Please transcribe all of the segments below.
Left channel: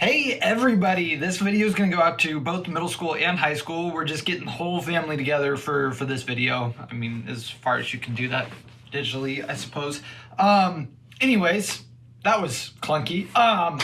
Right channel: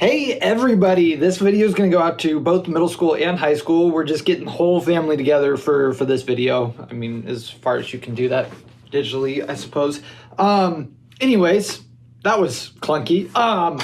Hey everybody, this video is going to go out to both middle school and high school. We're just getting the whole family together for this video. I mean, as far as you can do that digitally, I suppose. Anyways, that was clunky. I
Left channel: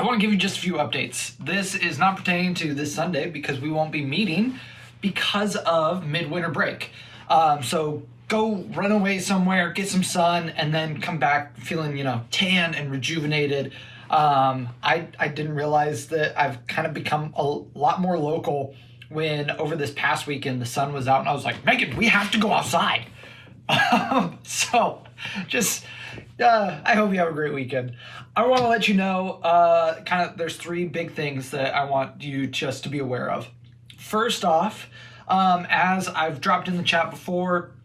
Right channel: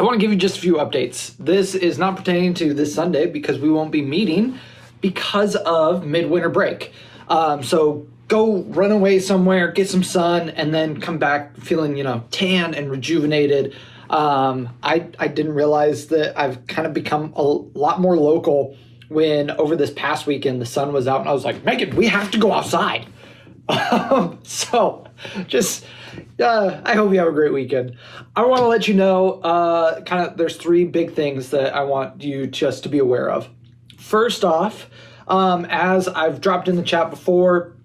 want to give you just a few updates. This is not pertaining to this Sunday because we won't be meeting because of midwinter break. So go run away somewhere, get some sun, and then come back feeling, tan and rejuvenated. I didn't realize that I've kind of become a lot more local when over this past weekend the sun was out and I was like, Megan, we have to go outside. So just, I hope you have a great weekend. I want to let you know, there's three big things that I want you just to be aware of. First off, as I've dropped in the chat before,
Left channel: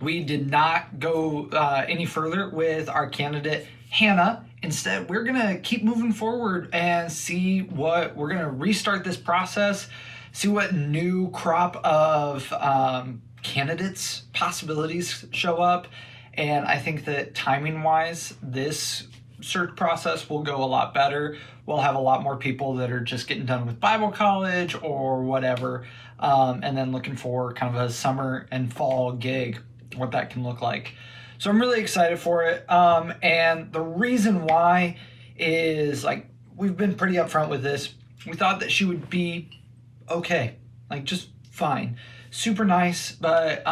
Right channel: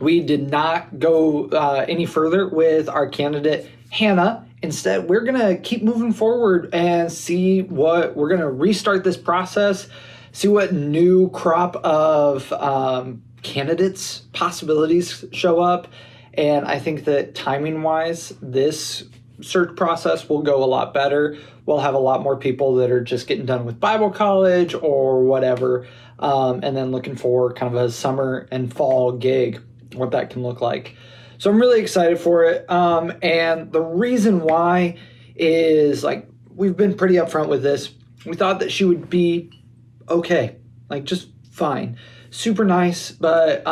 we did not go any further with our candidate, Hannah. Instead, we're going to keep moving forward and see what we're going to restart this process, see what new crop of candidates possibilities show up. And I think that timing wise, this search process will go a lot better. We'll have a lot more people that are just getting done with Bible college or whatever, and then looking for kind of a summer and fall gig, what that can look like. So I'm really excited for it. And the reason why is, we've been pretty upfront with this. We thought that she would be okay, just fine, super nice. But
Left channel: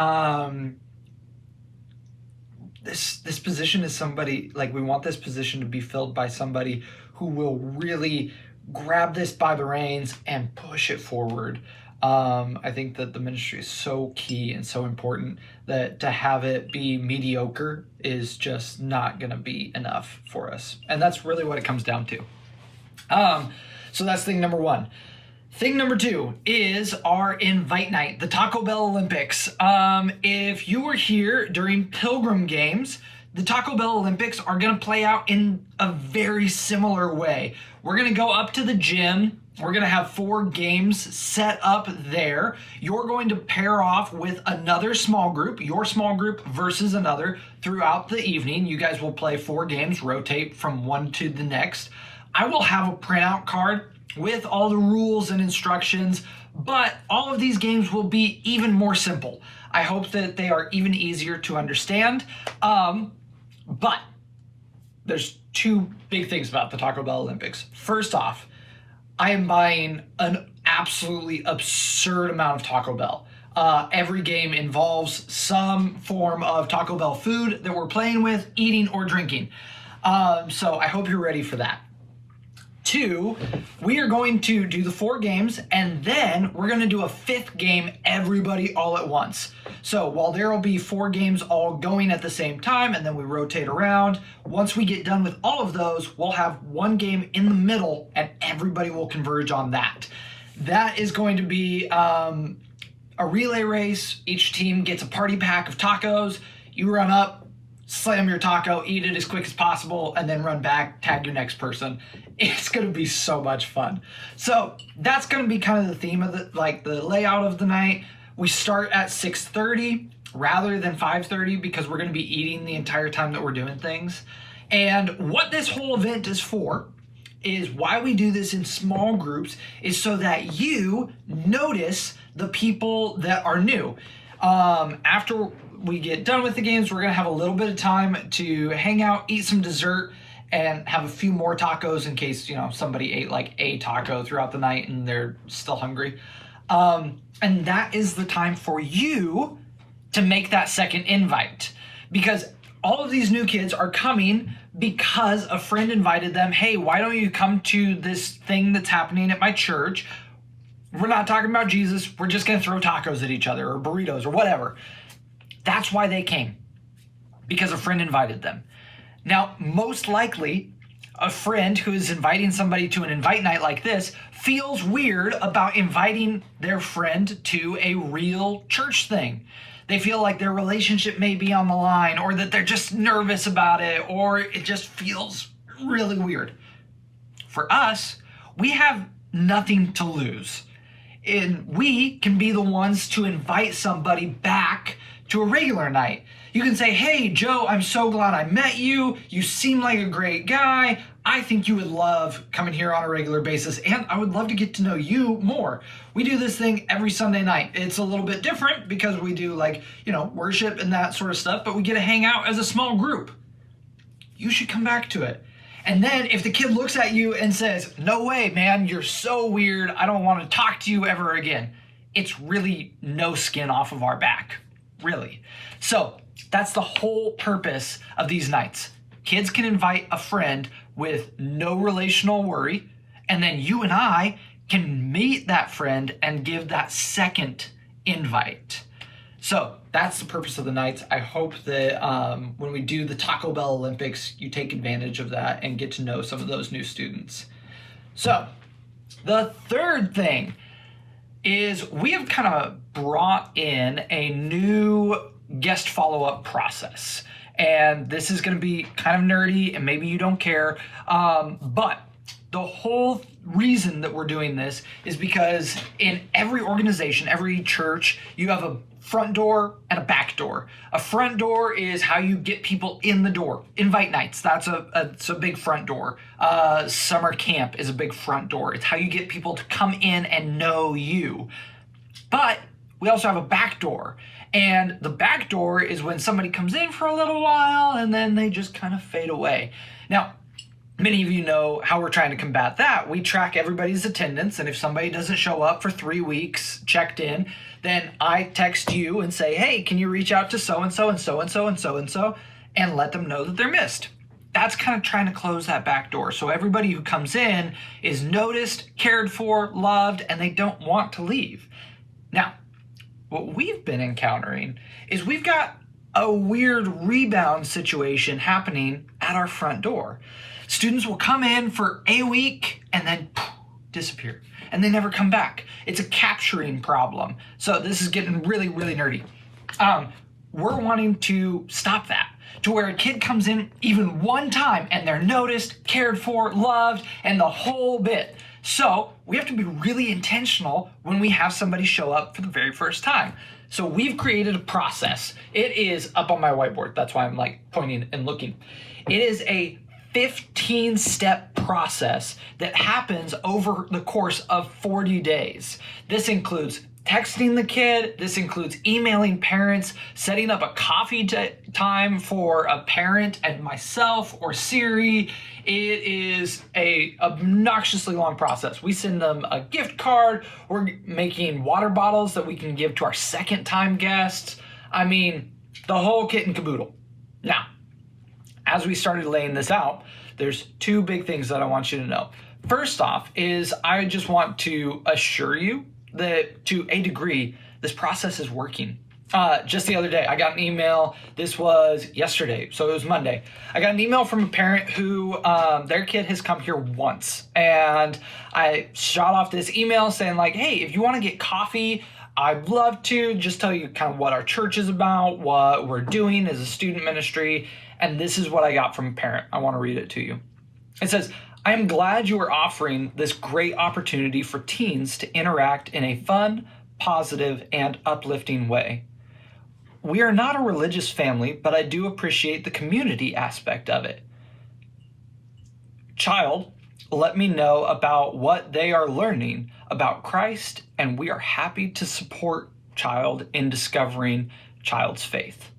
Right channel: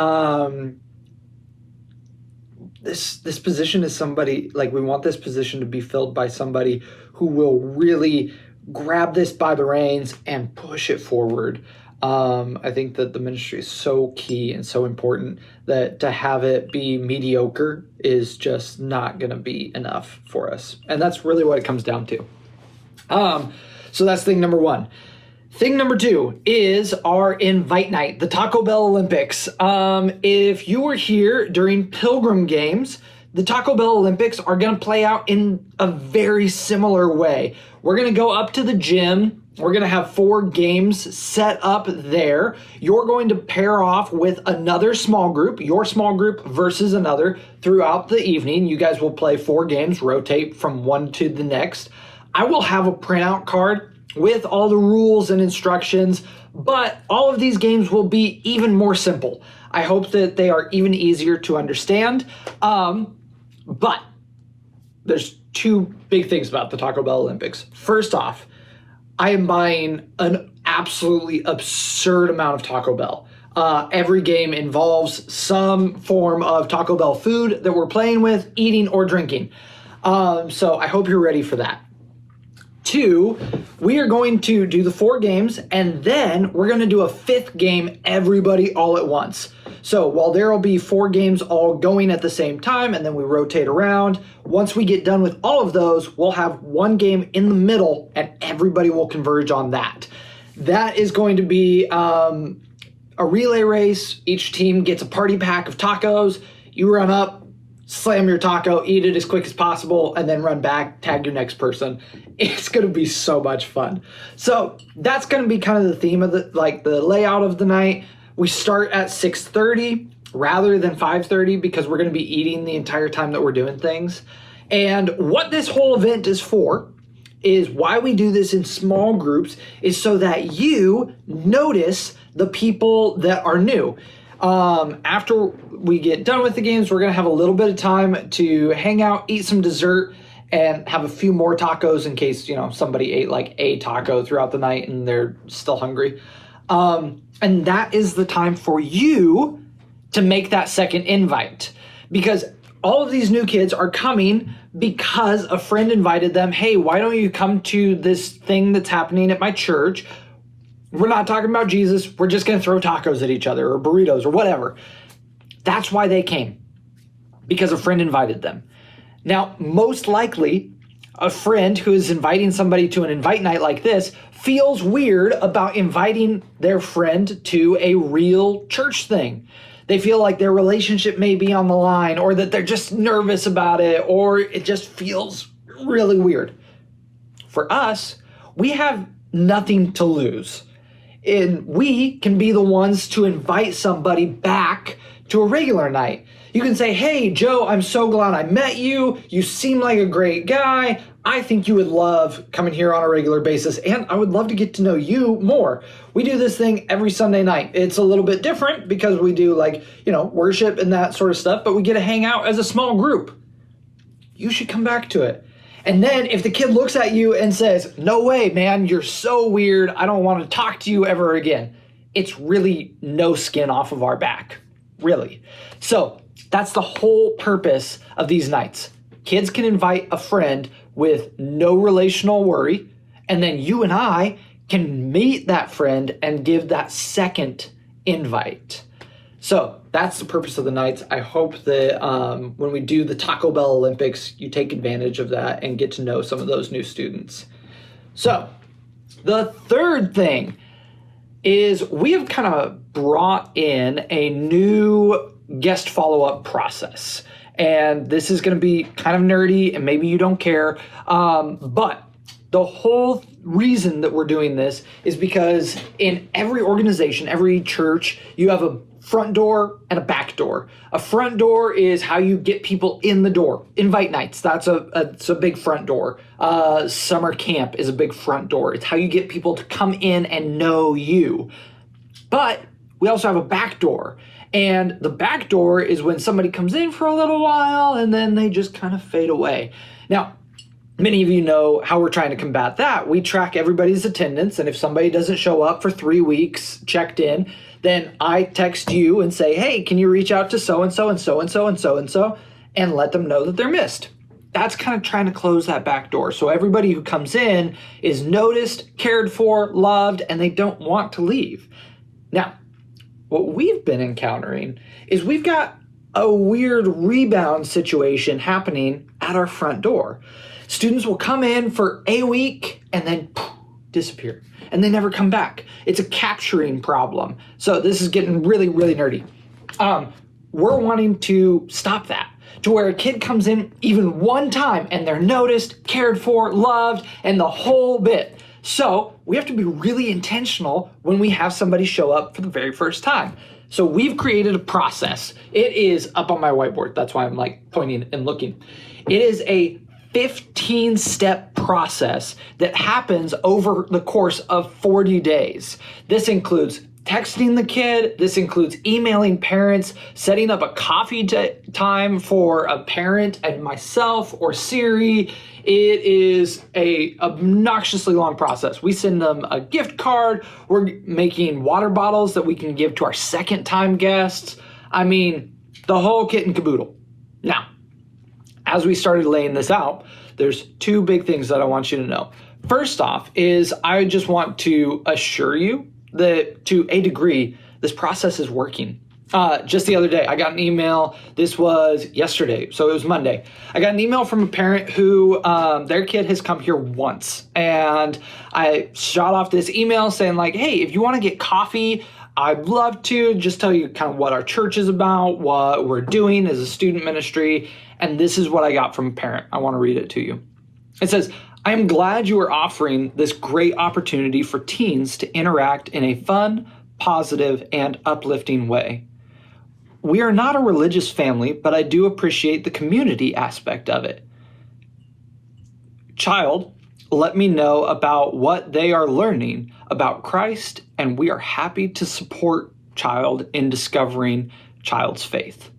this position is somebody, we want this position to be filled by somebody who will really grab this by the reins and push it forward. I think that the ministry is so key and so important that to have it be mediocre is just not going to be enough for us. And that's really what it comes down to. So that's thing number one. Thing number two is our invite night, the Taco Bell Olympics. If you were here during Pilgrim Games, the Taco Bell Olympics are going to play out in a very similar way. We're going to go up to the gym. We're going to have 4 games set up there. You're going to pair off with another small group, your small group versus another throughout the evening. You guys will play 4 games, rotate from one to the next. I will have a printout card with all the rules and instructions, but all of these games will be even more simple. I hope that they are even easier to understand. But there's 2 big things about the Taco Bell Olympics. First off, I am buying an absolutely absurd amount of Taco Bell. Every game involves some form of Taco Bell food that we're playing with, eating, or drinking. So I hope you're ready for that. 2, we are going to do the 4 games, and then we're going to do a 5th game, everybody all at once. So while there will be 4 games all going at the same time, and then we rotate around, once we get done with all of those, we'll have 1 game in the middle, and everybody will converge on that. That is going to be a relay race. Each team gets a party pack of tacos. You run up, slam your taco, eat it as quick as possible, and then run back, tag your next person. It's going to be so much fun. So that's going to be kind of the theme of the layout of the night. We start at 6:30 rather than 5:30 because we're going to be eating the entire time that we're doing things. And what this whole event is for is why we do this in small groups is so that you notice the people that are new. After we get done with the games, we're going to have a little bit of time to hang out, eat some dessert, and have a few more tacos in case, somebody ate a taco throughout the night and they're still hungry. And that is the time for you to make that second invite, because all of these new kids are coming because a friend invited them. Hey, why don't you come to this thing that's happening at my church? We're not talking about Jesus. We're just going to throw tacos at each other or burritos or whatever. That's why they came, because a friend invited them. Now, most likely, a friend who is inviting somebody to an invite night like this feels weird about inviting their friend to a real church thing. They feel like their relationship may be on the line, or that they're just nervous about it, or it just feels really weird. For us, we have nothing to lose. And we can be the ones to invite somebody back to a regular night. You can say, hey, Joe, I'm so glad I met you. You seem like a great guy. I think you would love coming here on a regular basis, and I would love to get to know you more. We do this thing every Sunday night. It's a little bit different because we do worship and that sort of stuff, but we get to hang out as a small group. You should come back to it. And then if the kid looks at you and says, no way, man, you're so weird, I don't want to talk to you ever again, it's really no skin off of our back, really. So that's the whole purpose of these nights. Kids can invite a friend with no relational worry, and then you and I can meet that friend and give that second invite. So that's the purpose of the nights. I hope that when we do the Taco Bell Olympics, you take advantage of that and get to know some of those new students. So the third thing is we have kind of brought in a new guest follow-up process. And this is going to be kind of nerdy and maybe you don't care. But the whole reason that we're doing this is because in every organization, every church, you have a front door and a back door. A front door is how you get people in the door. Invite nights, that's a big front door. Summer camp is a big front door. It's how you get people to come in and know you. But we also have a back door. And the back door is when somebody comes in for a little while and then they just kind of fade away. Now, many of you know how we're trying to combat that. We track everybody's attendance, and if somebody doesn't show up for 3 weeks, checked in, then I text you and say, hey, can you reach out to so-and-so and so-and-so and so-and-so and let them know that they're missed. That's kind of trying to close that back door. So everybody who comes in is noticed, cared for, loved, and they don't want to leave. Now, what we've been encountering is we've got a weird rebound situation happening at our front door. Students will come in for a week and then disappear, and they never come back. It's a capturing problem. So this is getting really, really nerdy. We're wanting to stop that to where a kid comes in even one time and they're noticed, cared for, loved, and the whole bit. So we have to be really intentional when we have somebody show up for the very first time. So we've created a process. It is up on my whiteboard. That's why I'm pointing and looking. It is a 15-step process that happens over the course of 40 days. This includes texting the kid. This includes emailing parents, setting up a coffee time for a parent and myself or Siri. It is a obnoxiously long process. We send them a gift card. We're making water bottles that we can give to our second-time guests. I mean, the whole kit and caboodle. Now, as we started laying this out, there's two big things that I want you to know. First off is I just want to assure you that to a degree, this process is working. Just the other day, I got an email. This was yesterday, so it was Monday. I got an email from a parent who their kid has come here once. And I shot off this email saying hey, if you want to get coffee, I'd love to just tell you kind of what our church is about, what we're doing as a student ministry. And this is what I got from a parent. I want to read it to you. It says, I am glad you are offering this great opportunity for teens to interact in a fun, positive, and uplifting way. We are not a religious family, but I do appreciate the community aspect of it. Child, let me know about what they are learning about Christ, and we are happy to support child in discovering child's faith.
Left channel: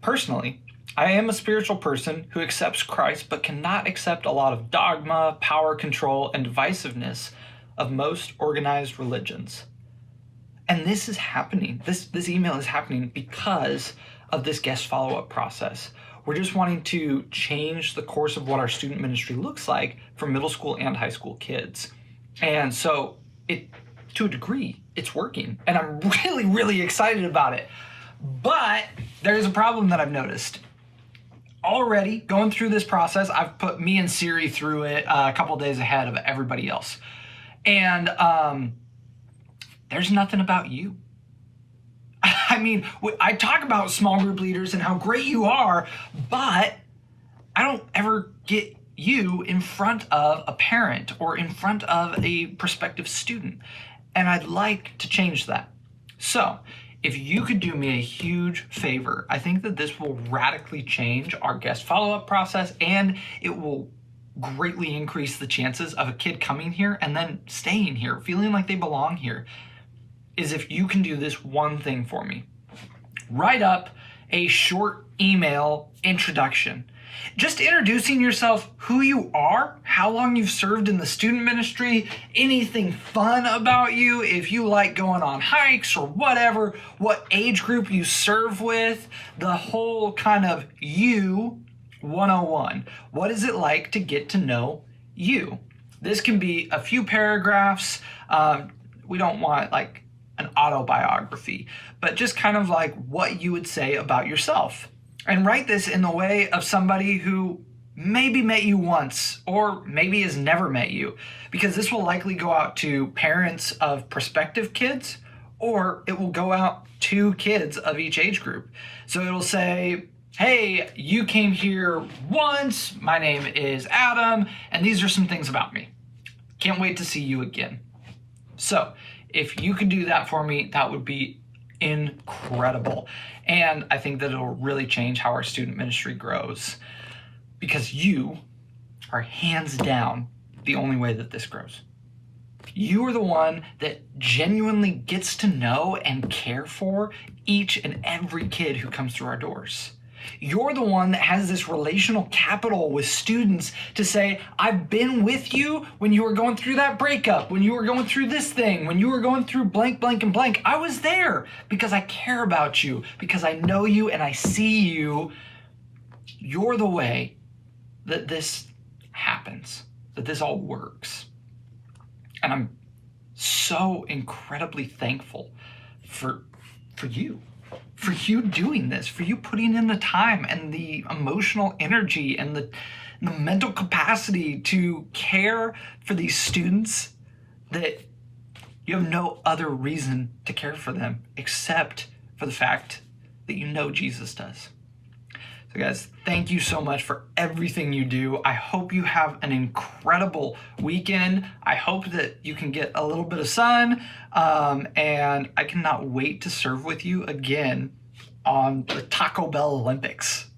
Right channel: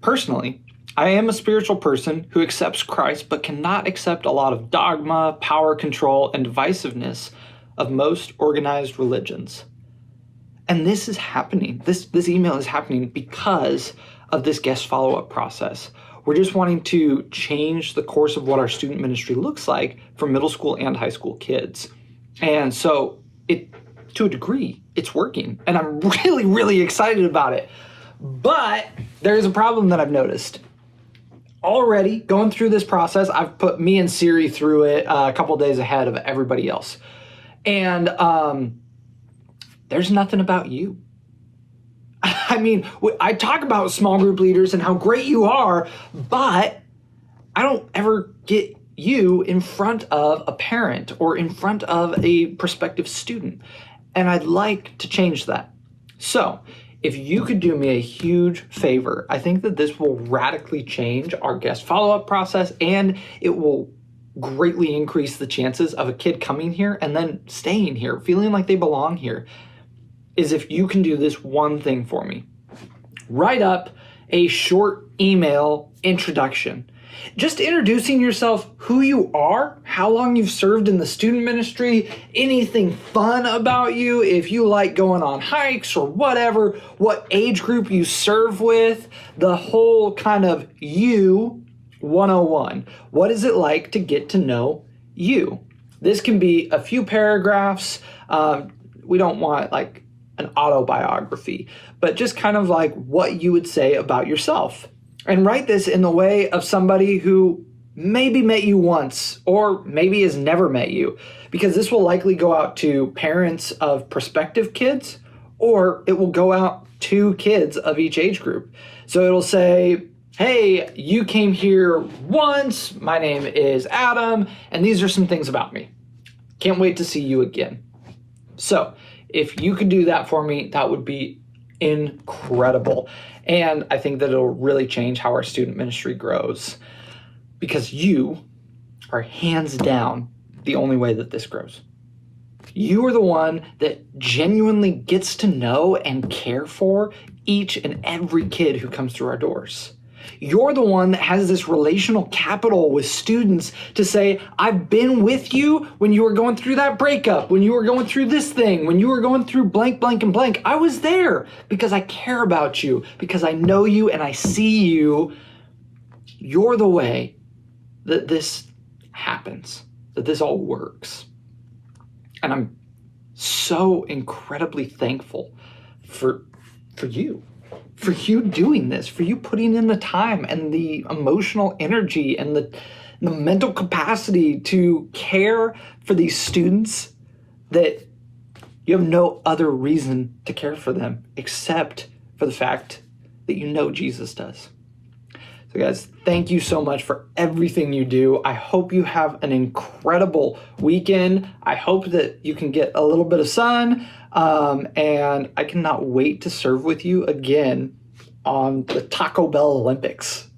Personally, I am a spiritual person who accepts Christ but cannot accept a lot of dogma, power control, and divisiveness of most organized religions. And this is happening. This email is happening because of this guest follow-up process. We're just wanting to change the course of what our student ministry looks like for middle school and high school kids. And so to a degree, it's working. And I'm really, really excited about it. But there's a problem that I've noticed. Already going through this process, I've put me and Siri through it a couple days ahead of everybody else. And there's nothing about you. I mean, I talk about small group leaders and how great you are, but I don't ever get you in front of a parent or in front of a prospective student. And I'd like to change that. So if you could do me a huge favor, I think that this will radically change our guest follow-up process, and it will greatly increase the chances of a kid coming here and then staying here, feeling like they belong here, is if you can do this one thing for me. Write up a short email introduction. Just introducing yourself, who you are, how long you've served in the student ministry, anything fun about you, if you like going on hikes or whatever, what age group you serve with, the whole kind of you 101. What is it like to get to know you? This can be a few paragraphs. We don't want like an autobiography, but just kind of like what you would say about yourself. And write this in the way of somebody who maybe met you once or maybe has never met you, because this will likely go out to parents of prospective kids, or it will go out to kids of each age group. So it'll say, hey, you came here once, my name is Adam, and these are some things about me. Can't wait to see you again. So if you could do that for me, that would be incredible. And I think that it'll really change how our student ministry grows, because you are hands down the only way that this grows. You are the one that genuinely gets to know and care for each and every kid who comes through our doors. You're the one that has this relational capital with students to say, I've been with you when you were going through that breakup, when you were going through this thing, when you were going through blank, blank, and blank. I was there because I care about you, because I know you and I see you. You're the way that this happens, that this all works. And I'm so incredibly thankful for you. For you doing this, for you putting in the time and the emotional energy and the mental capacity to care for these students, that you have no other reason to care for them except for the fact that you know Jesus does. So guys, thank you so much for everything you do. I hope you have an incredible weekend. I hope that you can get a little bit of sun, and I cannot wait to serve with you again on the Taco Bell Olympics.